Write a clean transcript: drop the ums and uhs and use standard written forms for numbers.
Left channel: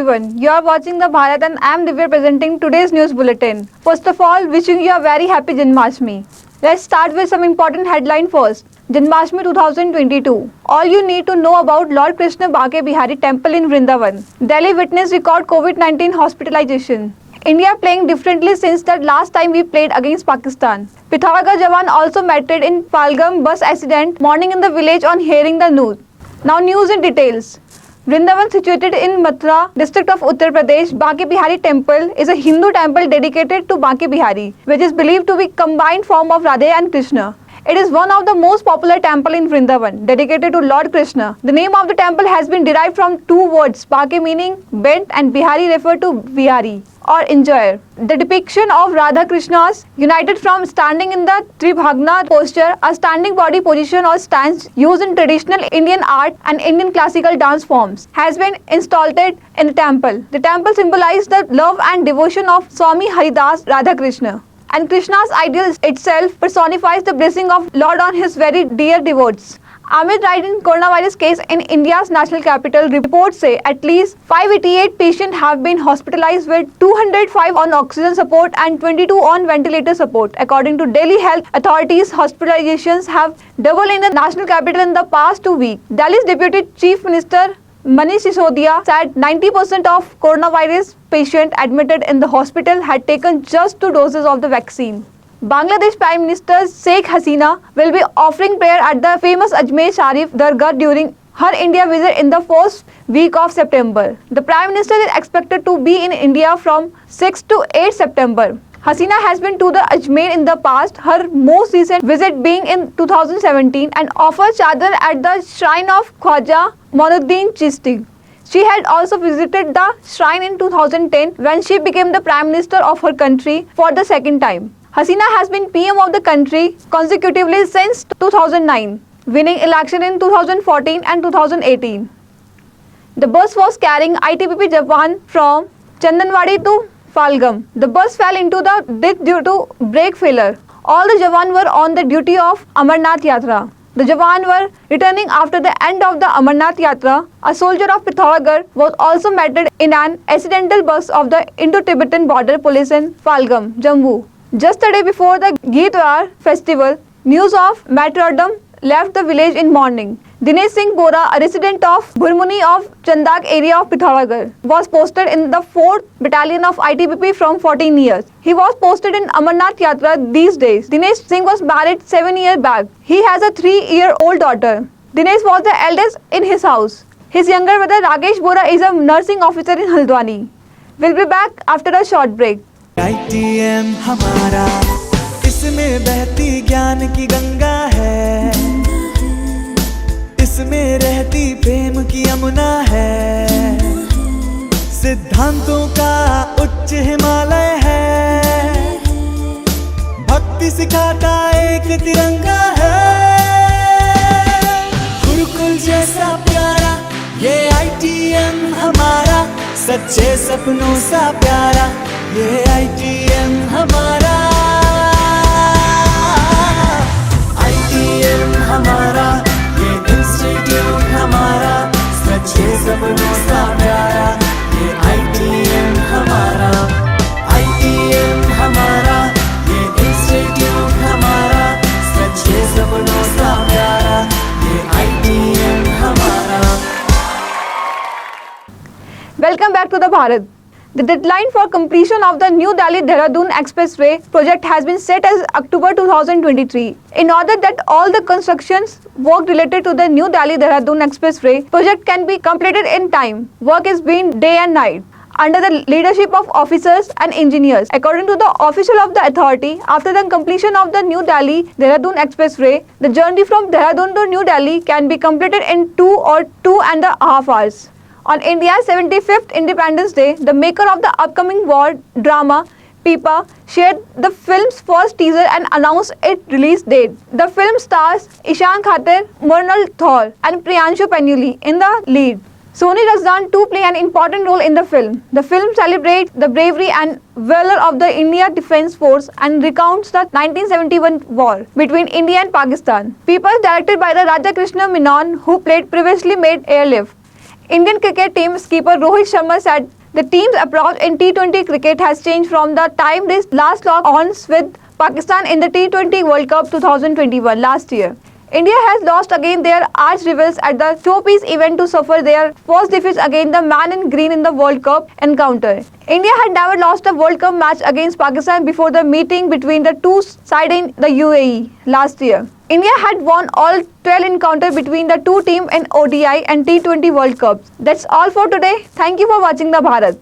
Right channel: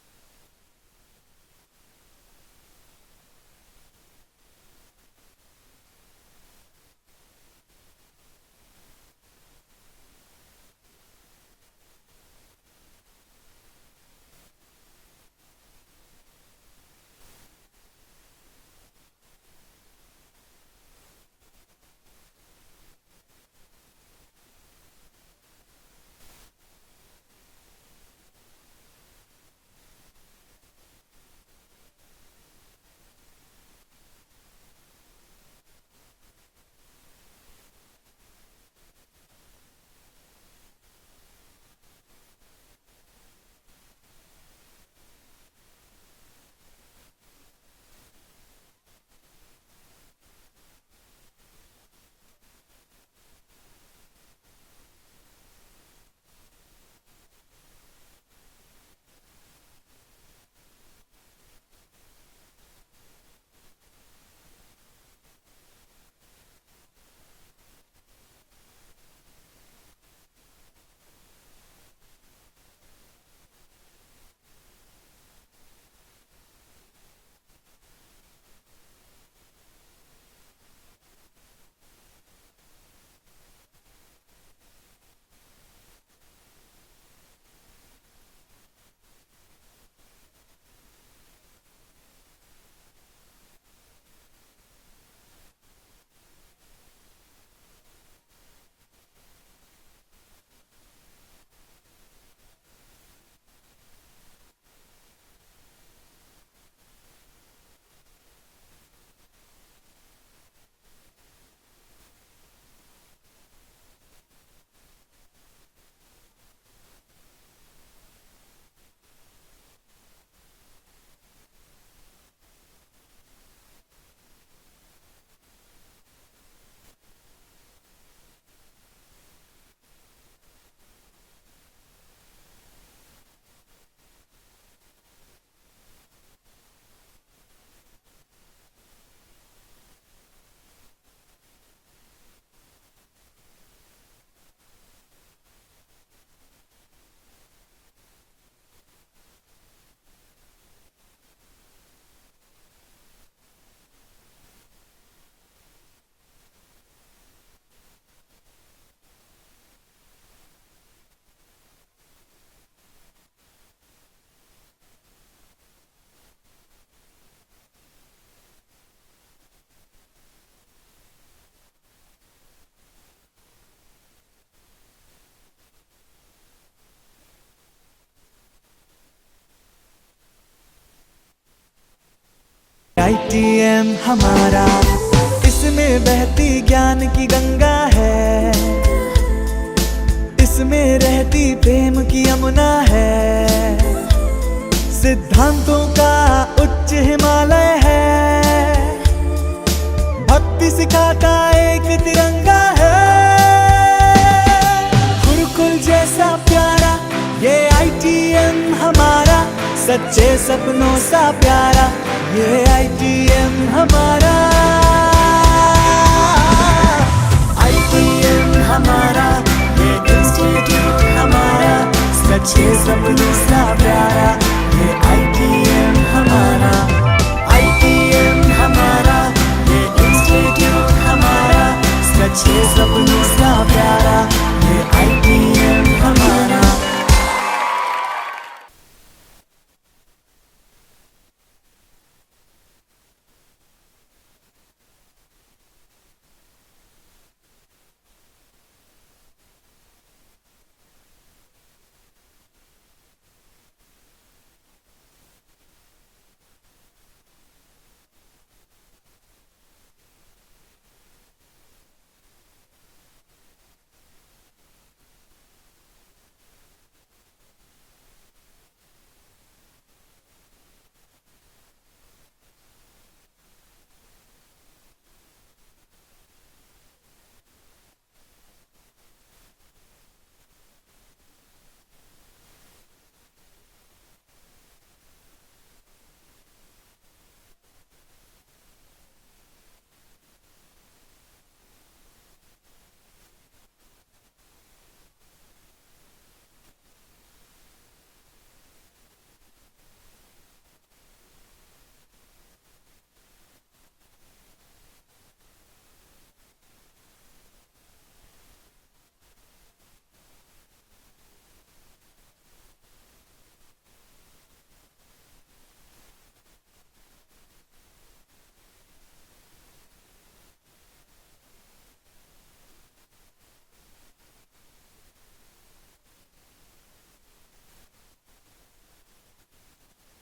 everyone. You are watching the Bharat and I am Divya presenting today's news bulletin. First of all, wishing you a very happy Janmashtami. Let's start with some important headline first. Janmashtami 2022. All you need to know about Lord Krishna Bake Bihari Temple in Vrindavan. Delhi witnessed record COVID-19 hospitalization. India playing differently since the last time we played against Pakistan. Pithoragarh Jawan also mattered in Palgam bus accident morning in the village on hearing the news. Now news in details. Vrindavan, situated in Mathura district of Uttar Pradesh, Bake Bihari Temple is a Hindu temple dedicated to Bake Bihari, which is believed to be combined form of Radha and Krishna. It is one of the most popular temple in Vrindavan, dedicated to Lord Krishna. The name of the temple has been derived from two words, Bake meaning bent and Bihari refer to Bihari or enjoyer. The depiction of Radha Krishnas united from standing in the Tribhagna posture, a standing body position or stance used in traditional Indian art and Indian classical dance forms, has been installed in the temple. The temple symbolizes the love and devotion of Swami Haridas Radha Krishna. And Krishna's ideal itself personifies the blessing of Lord on his very dear devotees. Amid rising coronavirus case in India's national capital, reports say at least 588 patients have been hospitalized with 205 on oxygen support and 22 on ventilator support. According to Delhi health authorities, hospitalizations have doubled in the national capital in the past 2 weeks. Delhi's Deputy Chief Minister Manish Sisodia said 90% of coronavirus patients admitted in the hospital had taken just 2 doses of the vaccine. Bangladesh Prime Minister Sheikh Hasina will be offering prayer at the famous Ajmer Sharif Dargah during her India visit in the first week of September. The Prime Minister is expected to be in India from 6 to 8 September. Hasina has been to the Ajmer in the past, her most recent visit being in 2017, and offered chadar at the shrine of Khwaja Moinuddin Chishti. She had also visited the shrine in 2010 when she became the Prime Minister of her country for the second time. Hasina has been PM of the country consecutively since 2009, winning election in 2014 and 2018. The bus was carrying ITBP Jawan from Chandanwadi to Palgam. The bus fell into the ditch due to brake failure. All the Jawan were on the duty of Amarnath Yatra. The Jawan were returning after the end of the Amarnath Yatra. A soldier of Pithoragarh was also mated in an accidental bus of the Indo-Tibetan Border Police in Palgam, Jammu. Just a day before the Geetwar festival, news of martyrdom left the village in morning. Dinesh Singh Bora, a resident of Burmuni of Chandak area of Pithoragarh, was posted in the 4th Battalion of ITBP from 14 years. He was posted in Amarnath Yatra these days. Dinesh Singh was married 7 years back. He has a 3-year-old daughter. Dinesh was the eldest in his house. His younger brother Rakesh Bora is a nursing officer in Haldwani. We'll be back after a short break. ITM हमारा, इसमें बहती ज्ञान की गंगा है, इसमें रहती प्रेम की यमुना है, सिद्धांतों का उच्च हिमालय है, भक्ति सिखाता एक तिरंगा है, गुरुकुल जैसा प्यारा ये ITM हमारा, सच्चे सपनों सा प्यारा ये ITM हमारा, ITM हमारा, ये इंस्टीट्यूट हमारा, सच्चे सपनों सा प्यारा ये ITM हमारा, ITM हमारा, ये इंस्टीट्यूट हमारा, सच्चे सपनों सा प्यारा ये ITM हमारा. Welcome back to the Bharat. The deadline for completion of the New Delhi-Dehradun Expressway project has been set as October 2023. In order that all the constructions work related to the New Delhi-Dehradun Expressway project can be completed in time, work is being day and night under the leadership of officers and engineers. According to the official of the authority, after the completion of the New Delhi-Dehradun Expressway, the journey from Dehradun to New Delhi can be completed in 2 or 2.5 hours. On India's 75th Independence Day, the maker of the upcoming war drama, Pipa, shared the film's first teaser and announced its release date. The film stars Ishan Khater, Murnal Thor, and Priyanshu Panuli in the lead. Soni Razdan too play an important role in the film. The film celebrates the bravery and valor of the India Defence Force and recounts the 1971 war between India and Pakistan. Pipa is directed by the Raja Krishna Menon, who played previously made Airlift. Indian cricket team skipper Rohit Sharma said the team's approach in T20 cricket has changed from the time they last locked horns with Pakistan in the T20 World Cup 2021 last year. India has lost against their arch rivals at the showpiece event to suffer their first defeat against the man in green in the World Cup encounter. India had never lost a World Cup match against Pakistan before the meeting between the two sides in the UAE last year. India had won all 12 encounters between the two teams in ODI and T20 World Cups. That's all for today. Thank you for watching the Bharat.